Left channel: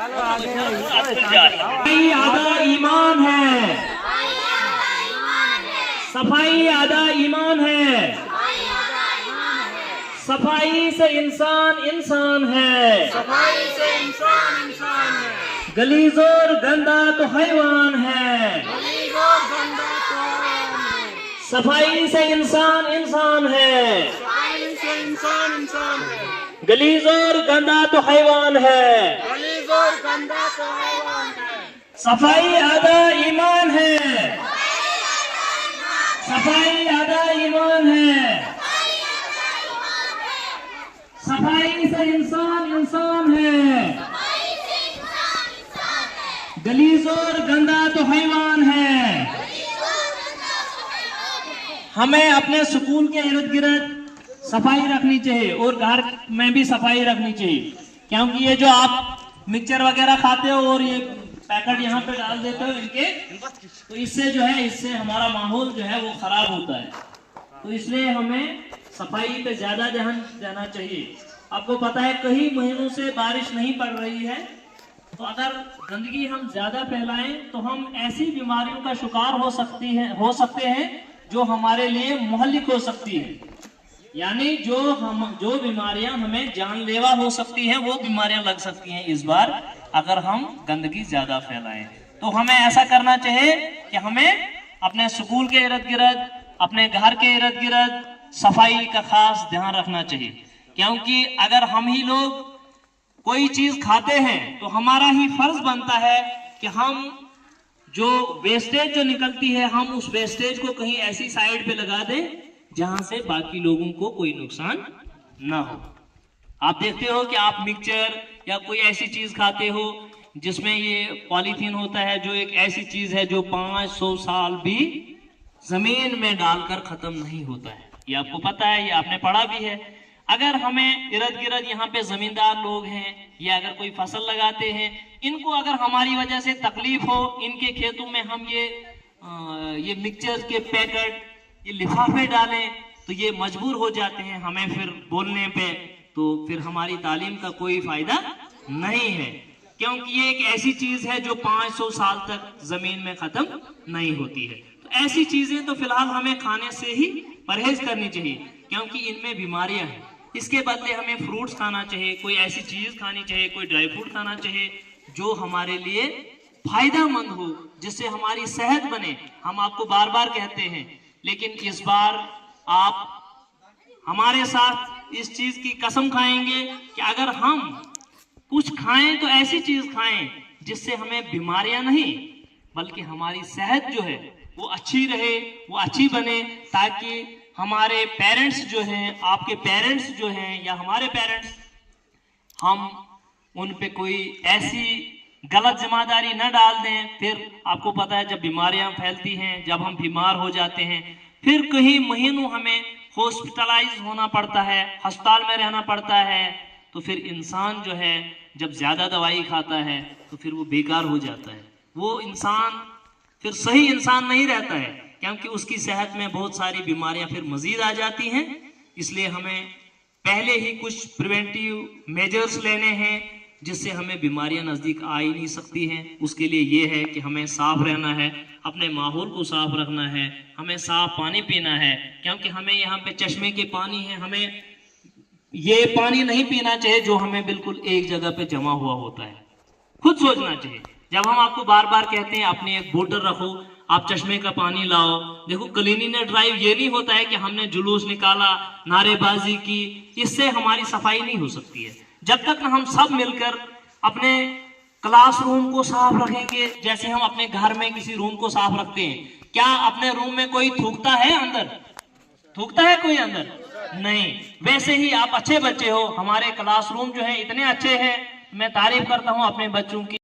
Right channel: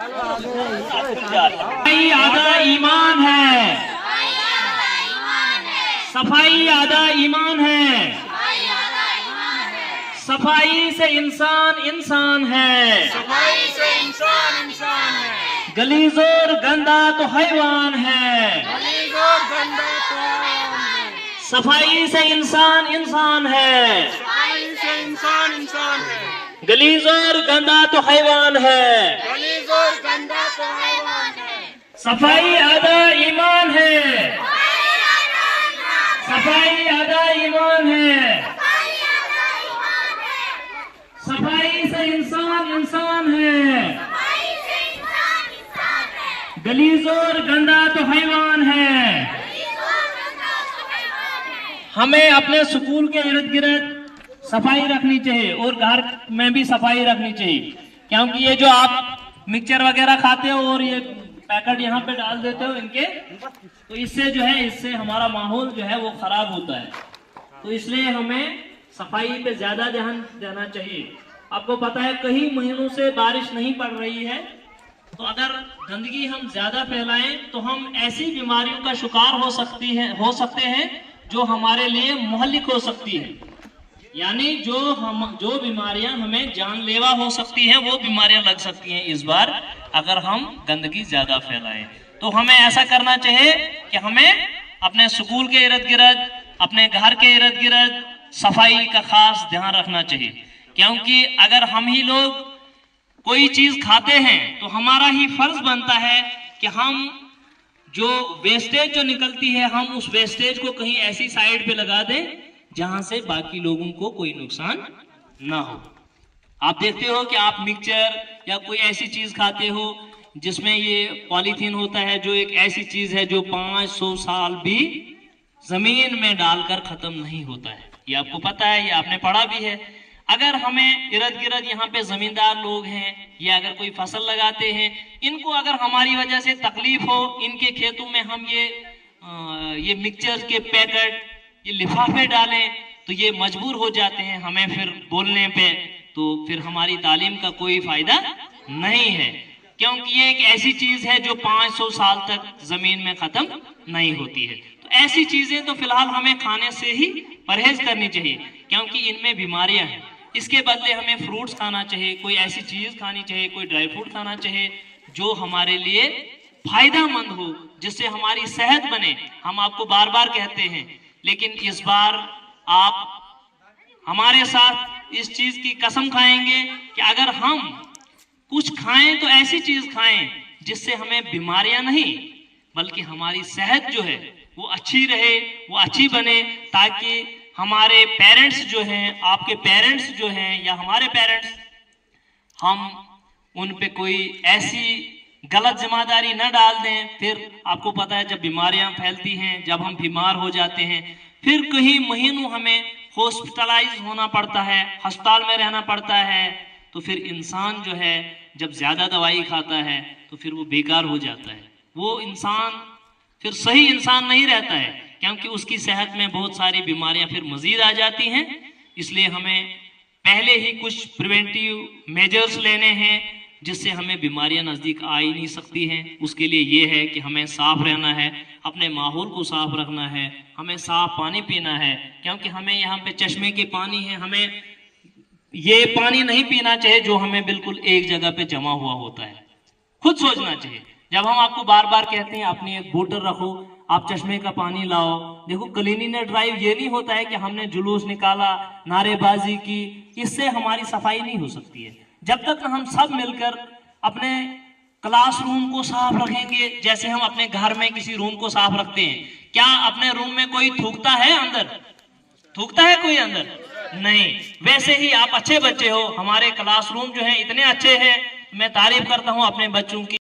सफाई आधा ईमान है, सफाई आधा ईमान है, सफाई से इंसान इंसान है, सफाई से इंसान इंसान है, गलीज और गंदा तो हैवान है, गलीज और गंदा तो हैवान है, सफाई से इंसान इंसान है, सफाई से इंसान इंसान है, गलीज और गंदा तो हैवान है, गलीज और गंदा तो हैवान है, सफाई आधा ईमान है, सफाई आधा ईमान है, सफाई से इंसान इंसान है, गलीज और गंदा तो हैवान है। हमें अपने स्कूल के इर्द गिर्द सफाई रखनी चाहिए और घर में भी सफाई रखनी चाहिए, क्योंकि ये जो आप मिक्सचर वगैरह खाते हो और ये पैकेट यहाँ पे डाल देते हो इनके, तो इससे जो है इससे हमारा माहौल जो है वो खराब होता है। तो इसलिए हमें सफाई पे ज्यादा ध्यान देना चाहिए। आपको पता है कई महीनों से बारिश नहीं पड़ रही है, तो अगर गंदगी हम ज्यादा फैलाएं तो हम ऐसी बीमारियों का शिकार हो सकते हैं जो हमारे लिए मुहल्लिक हो सकती है। यानी जो बीमारियां हमें जानलेवा हो सकती हैं वो बीमारियां लग सकती हैं इस बार अगर हम गंदगी ज्यादा फैलाएं। तो हमें ऐसा करना चाहिए कि हमें अपने स्कूल के इर्द गिर्द, अपने घर के इर्द गिर्द सफाई का खास ध्यान रखना चाहिए, क्योंकि अगर हम ही लोग कोई चीज खाते हैं तो हमारा ही फर्ज बनता है कि हम जो वेस्टेज जो निकलती है हम उस वेस्टेज को कहीं ऐसी साइड पे लगा दें जहां से बाकी लोगों को कोई नुकसान ना हो। आप देखते हो कि आप मिक्सचर या कोई ऐसी चीज खाते हो जिसमें ये पॉलीथीन होता है, जो एक ऐसी चीज है जो 500 साल भी जमीन में डालकर खत्म नहीं होता है। ये आपको पता है, ये आपने पढ़ा भी है। अगर हमें इर्द गिर्द यहाँ पे जमींदार लोग हैं या अगर कोई फसल लगाते हैं, इनको अगर हमारी वजह से तकलीफ हो, इनके खेतों में हम ये मिक्सचर के पैकेट, ये लिफाफे डालें, तो ये मजबूर हो जाते हैं हमें फिर बोलने पे, तो फिर हमारी तालीम का कोई फायदा नहीं है, क्योंकि ये एक ऐसी चीज है जो 500 साल तक जमीन में खत्म नहीं होती है। तो ऐसी चीजें तो फिलहाल हमें खाने से ही परहेज करनी चाहिए, क्योंकि इनमें बीमारियां हैं। इसके बदले हमें फ्रूट्स खाना चाहिए, कोई ऐसी चीज खानी चाहिए, कोई ड्राई फ्रूट खाना चाहिए जो हमारे लिए फायदेमंद हो, जिससे हमारी सेहत बने। हम आपको बार बार कहते हैं, लेकिन इस बार आप हमारे साथ इस चीज की कसम खाएंगे कि अगर हम कुछ खाएं तो ऐसी चीज खाएं जिससे हमें बीमारियां नहीं बल्कि हमारी सेहत जो है वो अच्छी रहे, वो अच्छी बने, ताकि हमारे पेरेंट्स जो हैं, आपके पेरेंट्स जो हैं या हमारे पेरेंट्स, हम उन पे कोई ऐसी गलत जिम्मेदारी न डाल दें। फिर आपको पता है जब बीमारियां फैलती हैं, जब हम बीमार हो जाते हैं, फिर कई महीनों हमें हॉस्पिटलाइज होना पड़ता है, अस्पताल में रहना पड़ता है। तो फिर इंसान जो है जब ज्यादा दवाई खाता है तो फिर वो बेकार हो जाता है, वो इंसान फिर सही इंसान नहीं रहता है, क्योंकि उसकी सेहत में बहुत सारी बीमारियां फिर मजीद आ जाती हैं। इसलिए हमें पहले ही कुछ प्रिवेंटिव मेजर्स लेने हैं जिससे हमें बीमारियां नजदीक आ ही नहीं सकती हैं। उसके लिए ये है कि हमें साफ रहना है, अपने माहौल को साफ रखना है, हमें साफ पानी पीना है, क्योंकि हमें यहाँ पे चश्मे के पानी है, हमें ये पानी नहीं पीना चाहिए जो हमें बिल्कुल एक जगह पे जमा हुआ होता है। खुद सोचना चाहिए। जब हम आपको बार बार कहते हैं अपनी एक बोतल रखो, आप चश्मे का पानी लाओ, देखो क्लीनिंग ड्राइव ये नहीं होता है कि हमने जुलूस निकाला, नारेबाजी की, इससे हमारी सफाई नहीं हो सकती है। जब तक हम सब मिलकर अपने क्लासरूम को साफ रखेंगे, जैसे हम अपने घर में किसी रूम को साफ रखते हैं, क्या अपने रूम में कोई थूकता है? अंदर थूकता है कोई? अंदर नहीं। वैसे ही आप अच्छे बच्चे हो, हमारे क्लासरूम जो है इतने अच्छे हैं, मैं तारीफ करता हूँ अपने बच्चों की।